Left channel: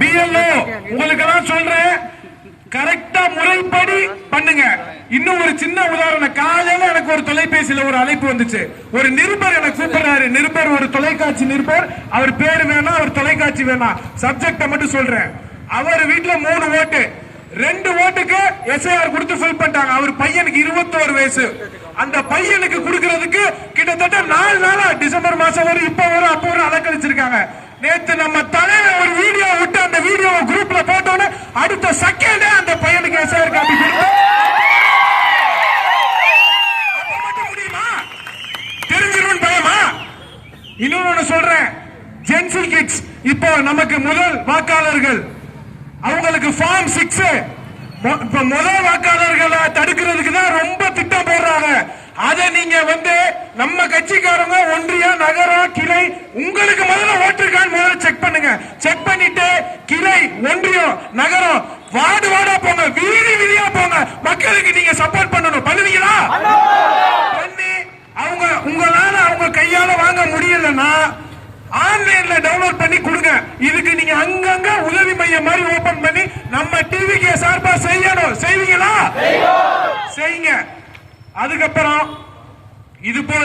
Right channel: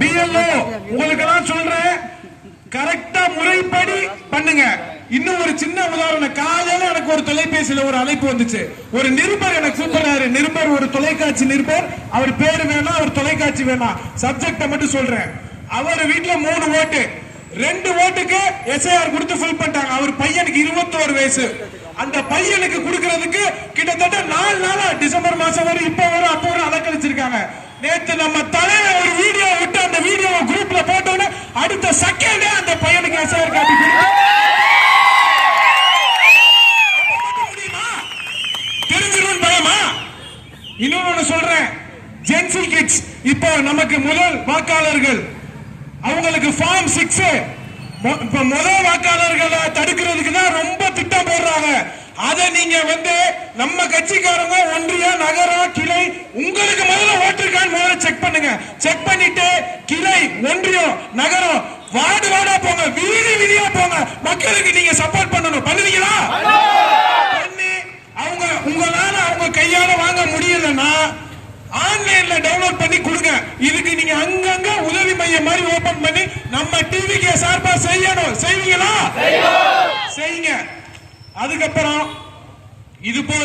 BLO உங்களுக்கு எல்லாம் சொல்றேன், கரெக்டா முறைப்படி பண்ணுங்க. இன்னும் ஒரு சின்ன உதாரணம், காலையில எனக்கு ஒரு தொலைபேசியில ஒரு அழைப்பு வந்துச்சு. ஒரு நிருபர் எனக்கு கூப்பிடுறாரு. நிருபர், ஒரு தொலைக்காட்சி நிருபர். அவர் பேரு வேணாம், அவர் தொலைக்காட்சி வேணாம், சப்ஜெக்ட மட்டும் சொல்றேன். அவர் வீட்டுல 3 ஓட்டு, 2 ஓட்டுக்கு எஸ்ஐஆர் கொடுத்து ஃபில் பண்ணிட்டாங்க. அவர் பையனுக்கு 21 வயசு. அந்த பையனுக்கு கொடுக்கறதுக்கு கிட்டத்தட்ட 4 நாளா, டிசம்பர் மாசம் வரும், இப்ப வரும், அப்ப வரும் அலக்கழிச்சிருக்காங்க. நேத்து நம்ம தலைவர் ஒரு வீடியோ விட்டு அந்த வீடியோ குரூப்ல போட்டோன்னு அடுத்த செகண்டே அந்த பையனுக்கு எஸ்ஐஆர் காப்பி கொடுத்து முடியுமா? தெரிஞ்சிடும் பயமா? இன்னொன்னு சொல்றேன், ஜென்சி கிட்ஸ் இப்போ நமக்கு முதல் வாக்காளர்கள், அவங்களுக்கு ஃபார்ம் 6 இப்ப முதல் வாக்காளர்களை தடுக்கிறதுக்கு தான் ரொம்ப திட்டம் போடுறாங்க. அதை நீங்க நம்ம கட்சிக்காரங்க ஒன்றிய நகரம் கிளை உங்களுக்கு முதல்ல ஓட்டிருக்கான்னு முதல்ல செக் பண்ணுங்க. செக் பண்ணிட்டு கிளை ஒன்றியம் நகரம் வார்டு வார்டா போங்க, வீதி வீதியா போங்க, மக்களுக்கு நீங்க சப்போர்ட் பண்ணணும். பண்ணுவீங்களா? பண்ணி உங்களால அவங்க கையால வாங்க முடியலன்னா ஆன்லைன்ல டவுன்லோட் பண்ணி கொடுங்க. இதுக்கு நீங்க அங்கங்க உதவி மையம் மாதிரி ஓபன் பண்ணி நம்ம டிவிக்கு சார்பா செய்யணும். செய்வீங்களா? செய்யுங்க. அதுக்கப்புறம் இது போல